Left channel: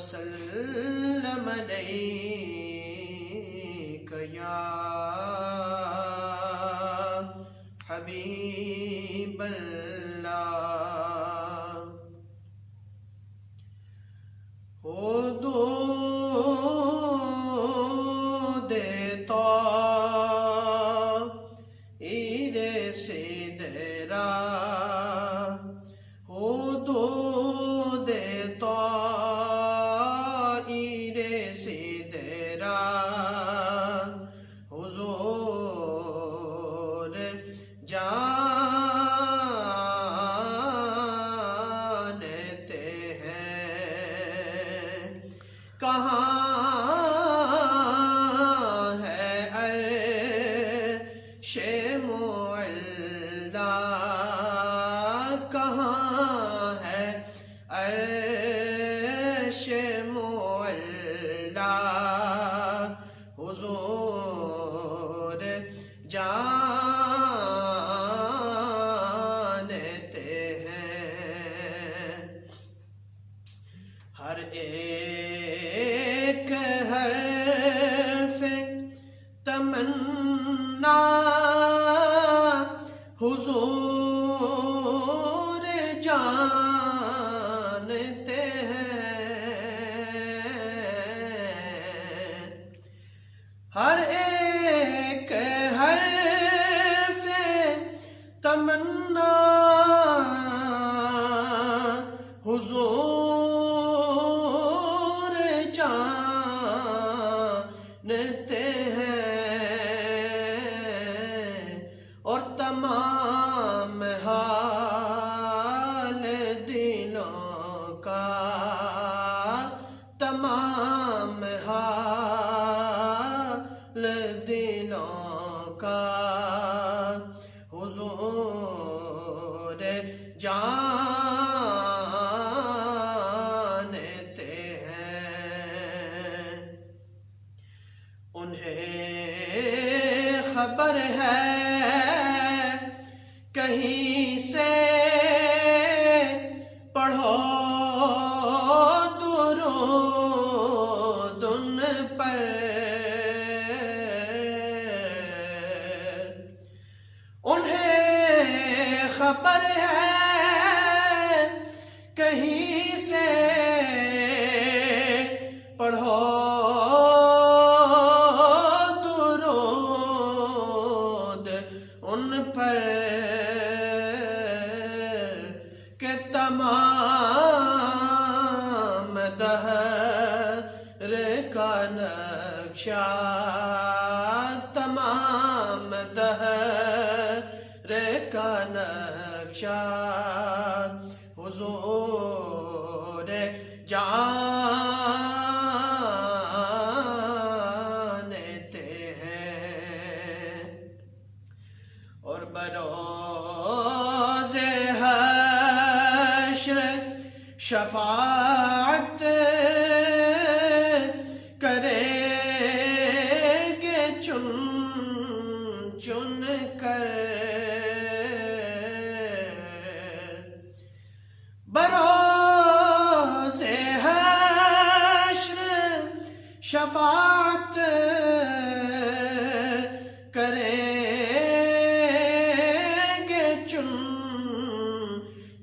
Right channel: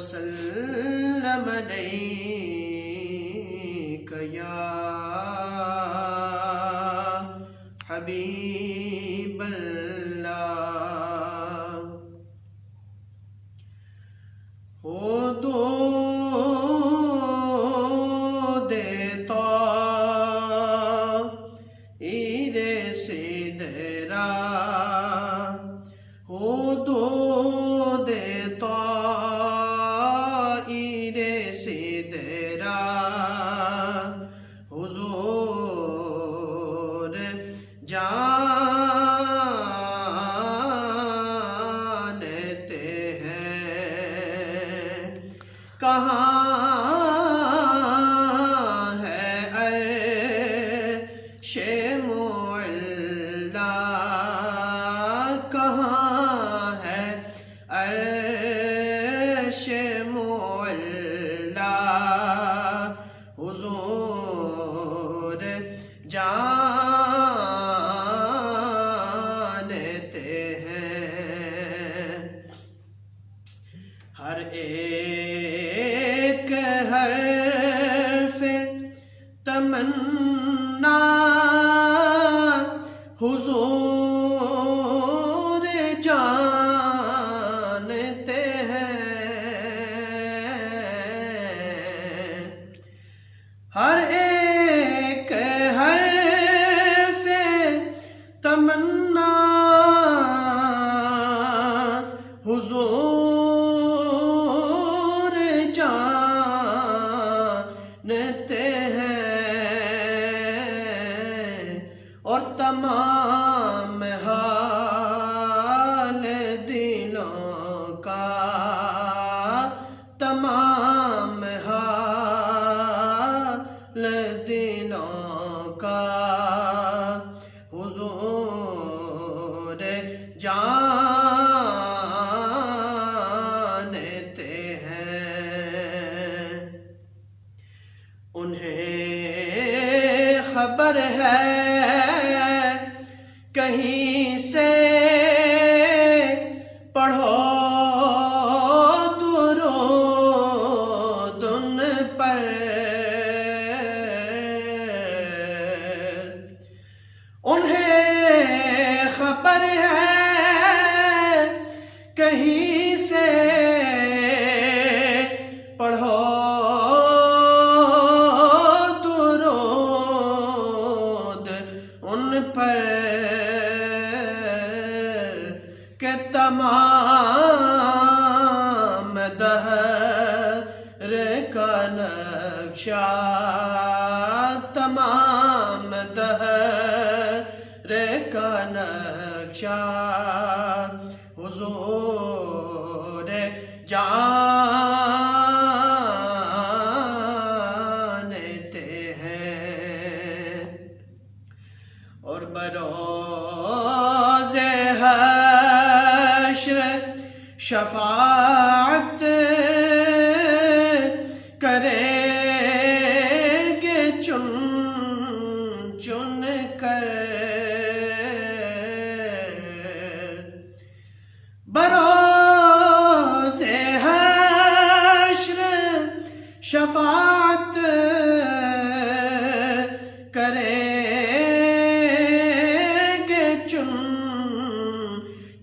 وسلم علیک یا حبیب اللہ ہو دود طاہر سدرا ہو دود طاہر سدرا حضور جانتے ہیں کہاں ہے عرش معلی کہاں ہے عرش معلی حضور جانتے ہیں ہر ایک حرف تمنا حضور جانتے ہیں ہر ایک حرف تمنا حضور جانتے ہیں اور تمام حال دلوں کا تمام حال دلوں کا حضور جانتے ہیں انہیں خبر ہے کہیں سے پڑھو درود ان پر انہیں خبر ہے کہیں سے پڑھو درود ان پر کہ تمام دہر کا نقشہ تمام دہر کا نقشہ حضور جانتے ہیں اور بروز حشر شفاعت کریں گے چن چن کر بروز حشر شفاعت کریں گے چن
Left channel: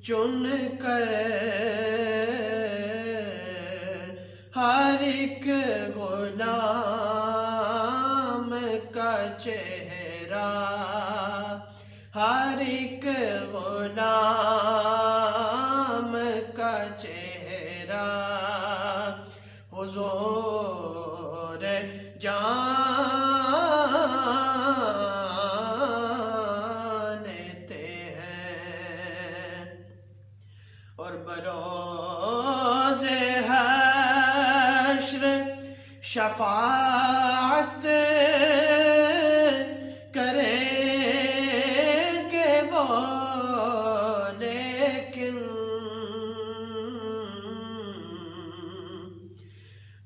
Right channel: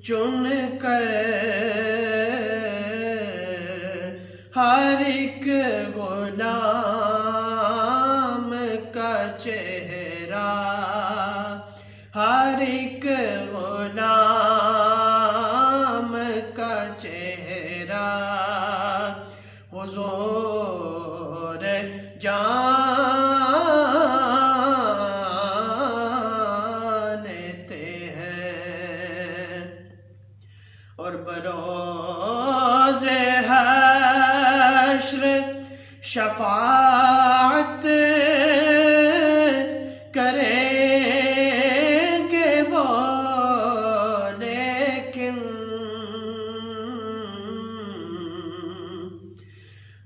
چن کر ہر ایک غلام کا چہرہ ہر ایک غلام کا چہرہ حضور جانتے ہیں اور بروز حشر شفاعت کریں گے وہ لیکن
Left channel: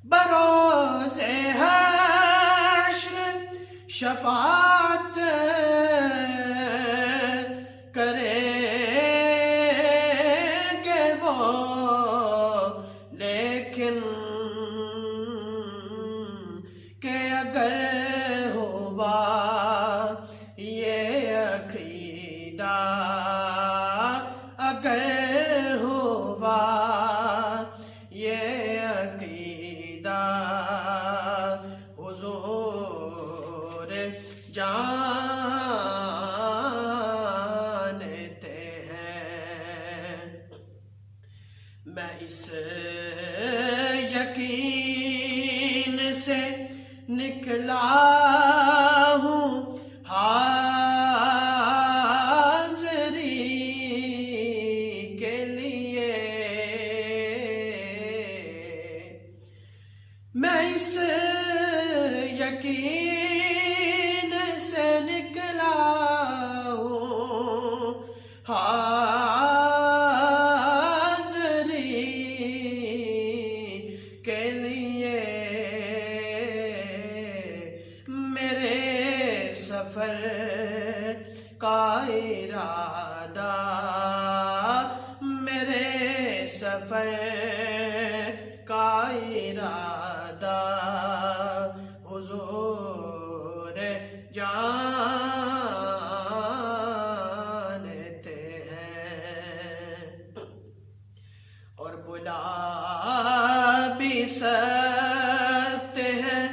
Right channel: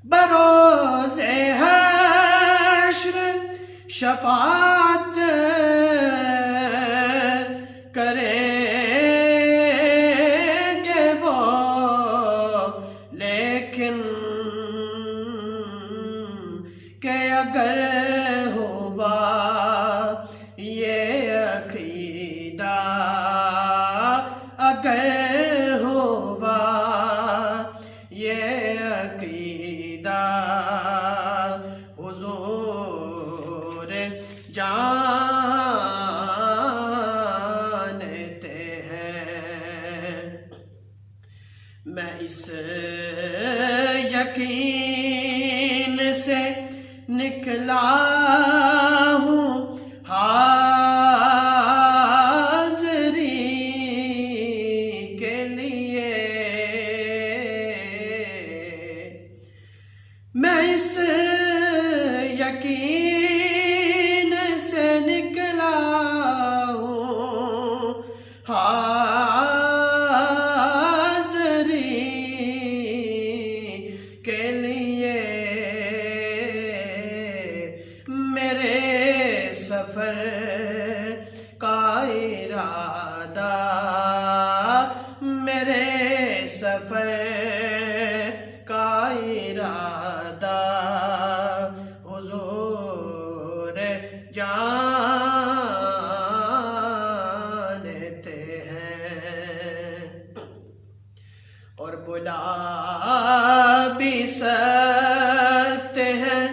بروز حشر شفاعت کریں گے وہ لیکن میں اس یقین سے نکلا ہوں حاضری کے لیے، میں اس یقین سے نکلا ہوں حاضری کے لیے، میرے سفر کا ارادہ، میرے سفر کا ارادہ حضور جانتے ہیں، اور بلا بھی سکتے ہیں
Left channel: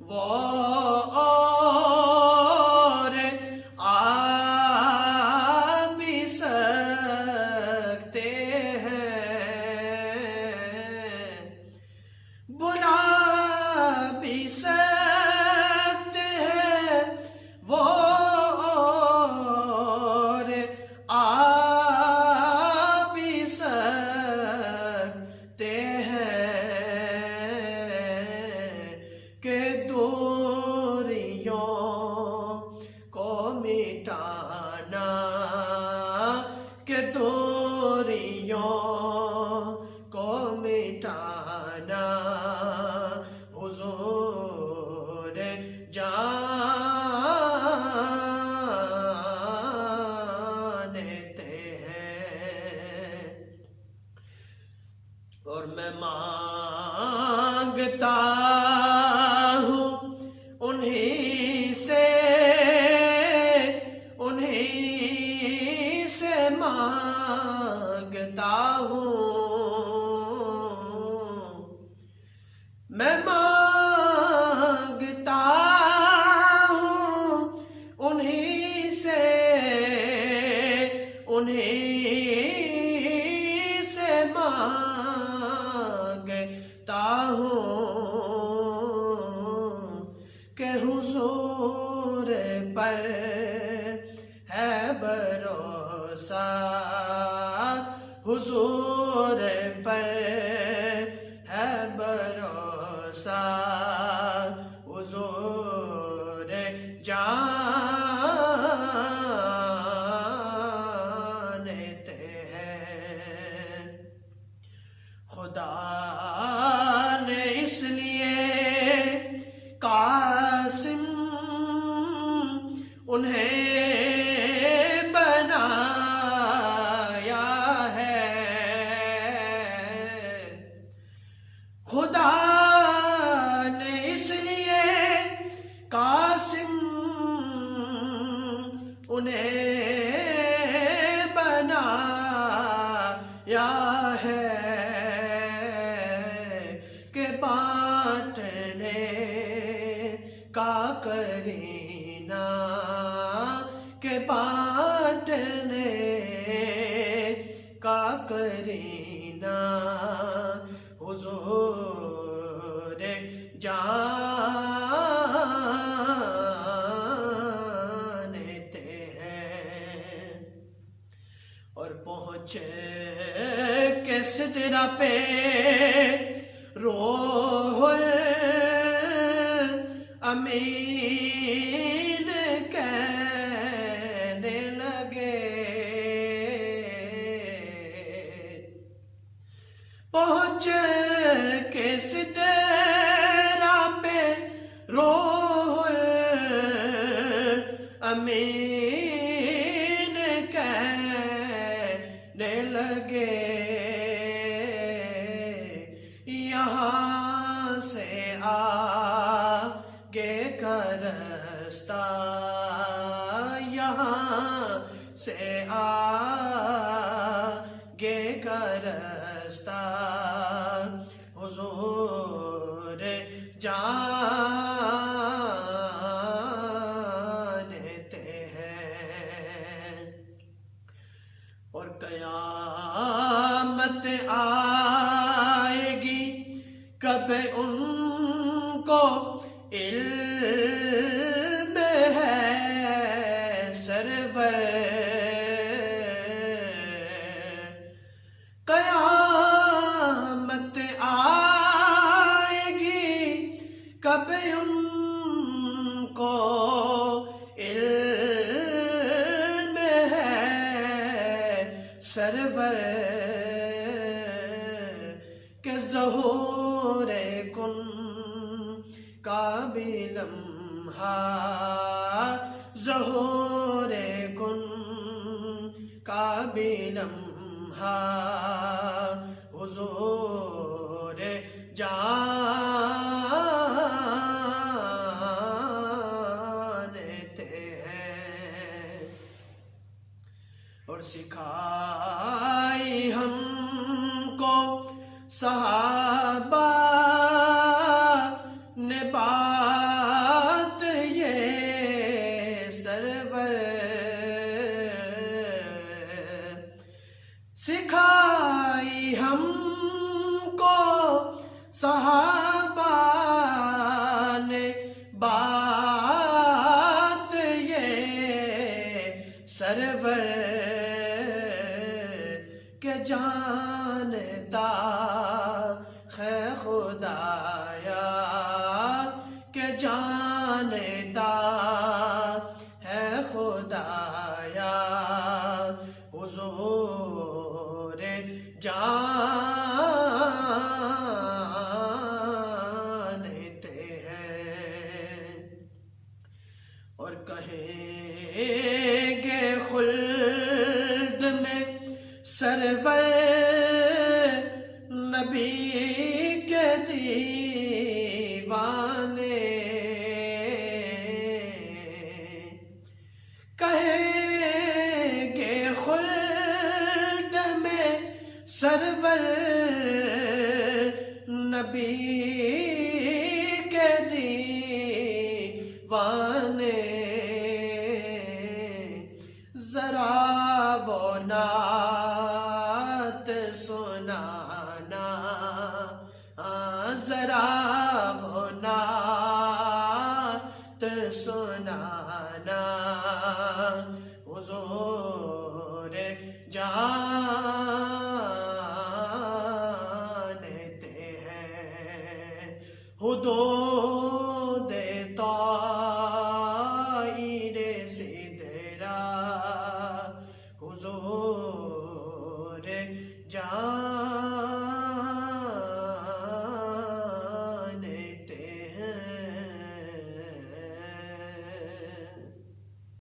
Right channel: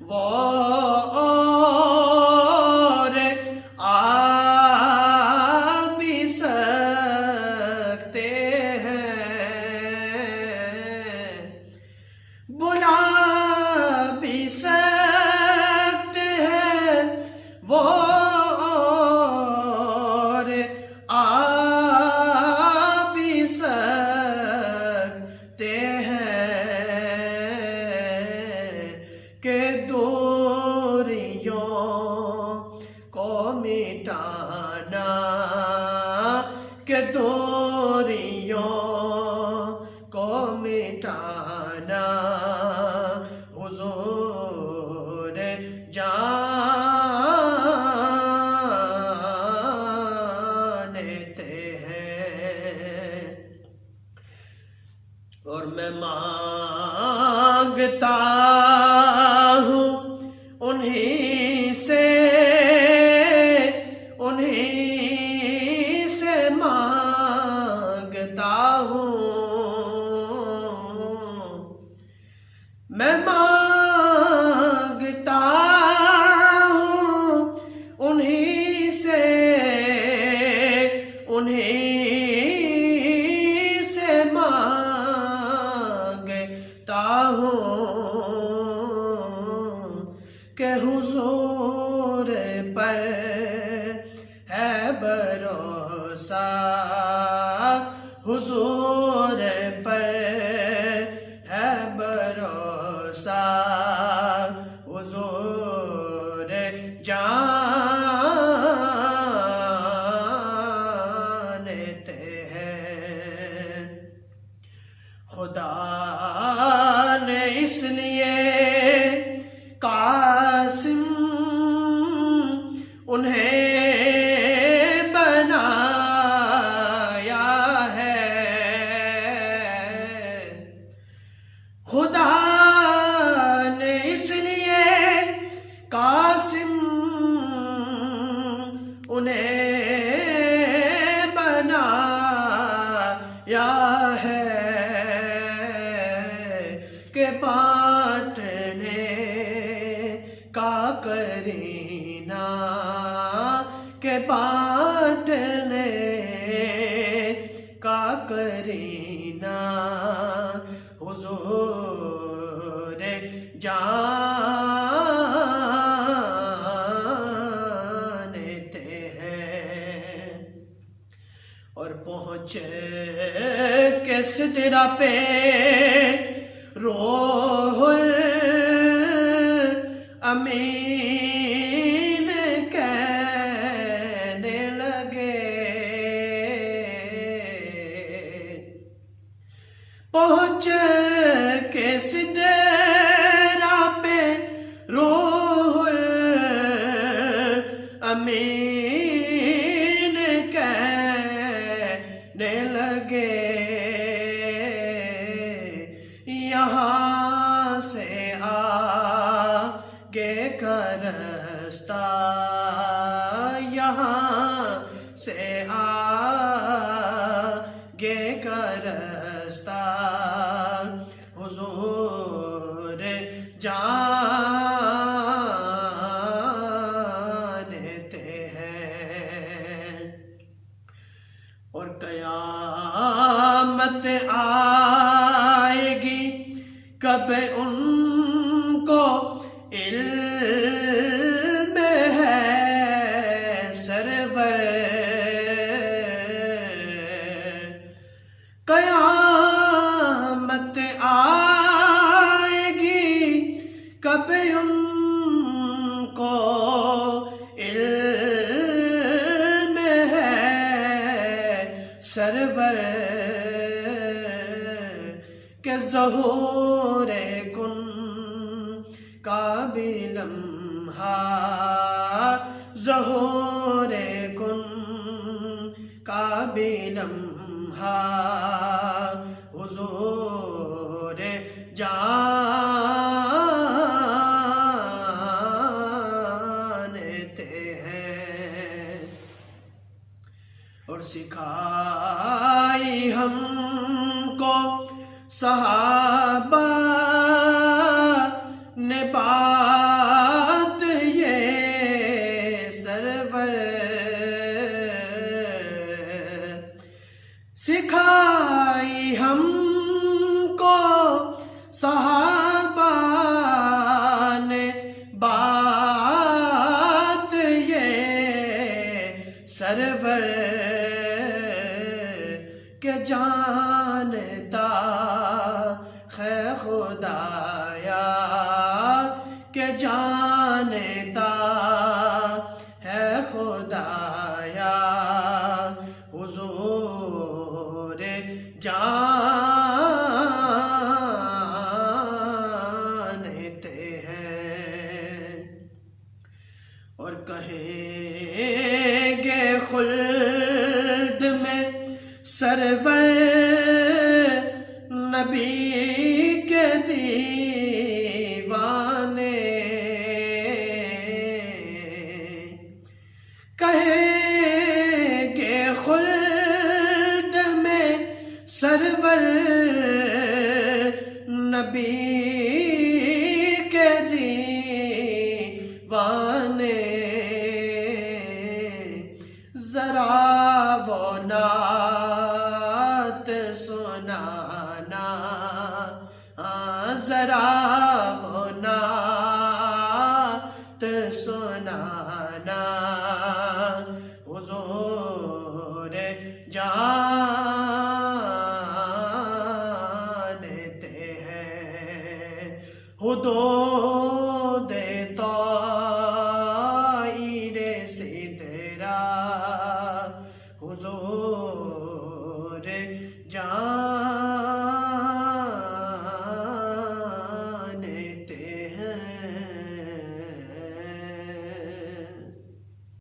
وہ، اور آ بھی سکتے ہیں، بلا بھی سکتے ہیں وہ، اور آ بھی سکتے ہیں، کہ دوریوں کو مٹانا، کہ دوریوں کو مٹانا حضور جانتے ہیں، اور میں مانگتا ہوں انہیں سے مانگتا ہوں، میں مانگتا ہوں انہیں سے مانگتا ہوں، کہ حضور پر ہے بھروسہ، حضور پر ہے بھروسہ، حضور جانتے ہیں، خدا نے اس لیے قاسم انہیں بنایا ہے، خدا نے اس لیے قاسم انہیں بنایا ہے، کہ بانٹنے کا کرینہ، کہ بانٹنے کا کرینہ حضور جانتے ہیں، اور پہنچ کے سدرا پہ روح الامین کہنے لگے، پہنچ کے سدرا پہ روح الامین کہنے لگے، یہاں سے آگے کا رستہ، یہاں سے آگے کا رستہ حضور جانتے ہیں، اور قیامت کب ان کو علم ہے سرور قیامت آئے گی کب ان کو علم ہے سرور کہ ظہور کن کا بھی لمحہ ظہور کن کا بھی لمحہ حضور جانتے ہیں اور سکھائی ہم کو صحابہ نے بات یہ سرور سکھائی ہم کو صحابہ نے بات یہ سرور کہ جانتا ہے خدایا کہ جانتا ہے خدایا حضور جانتے ہیں اور کہیں گے خلد میں سرور نبی کے دیوانے کہیں گے خلد میں سرور نبی کے دیوانے ذرا وہ نعت سنانا ذرا وہ نعت سنانا حضور جانتے ہیں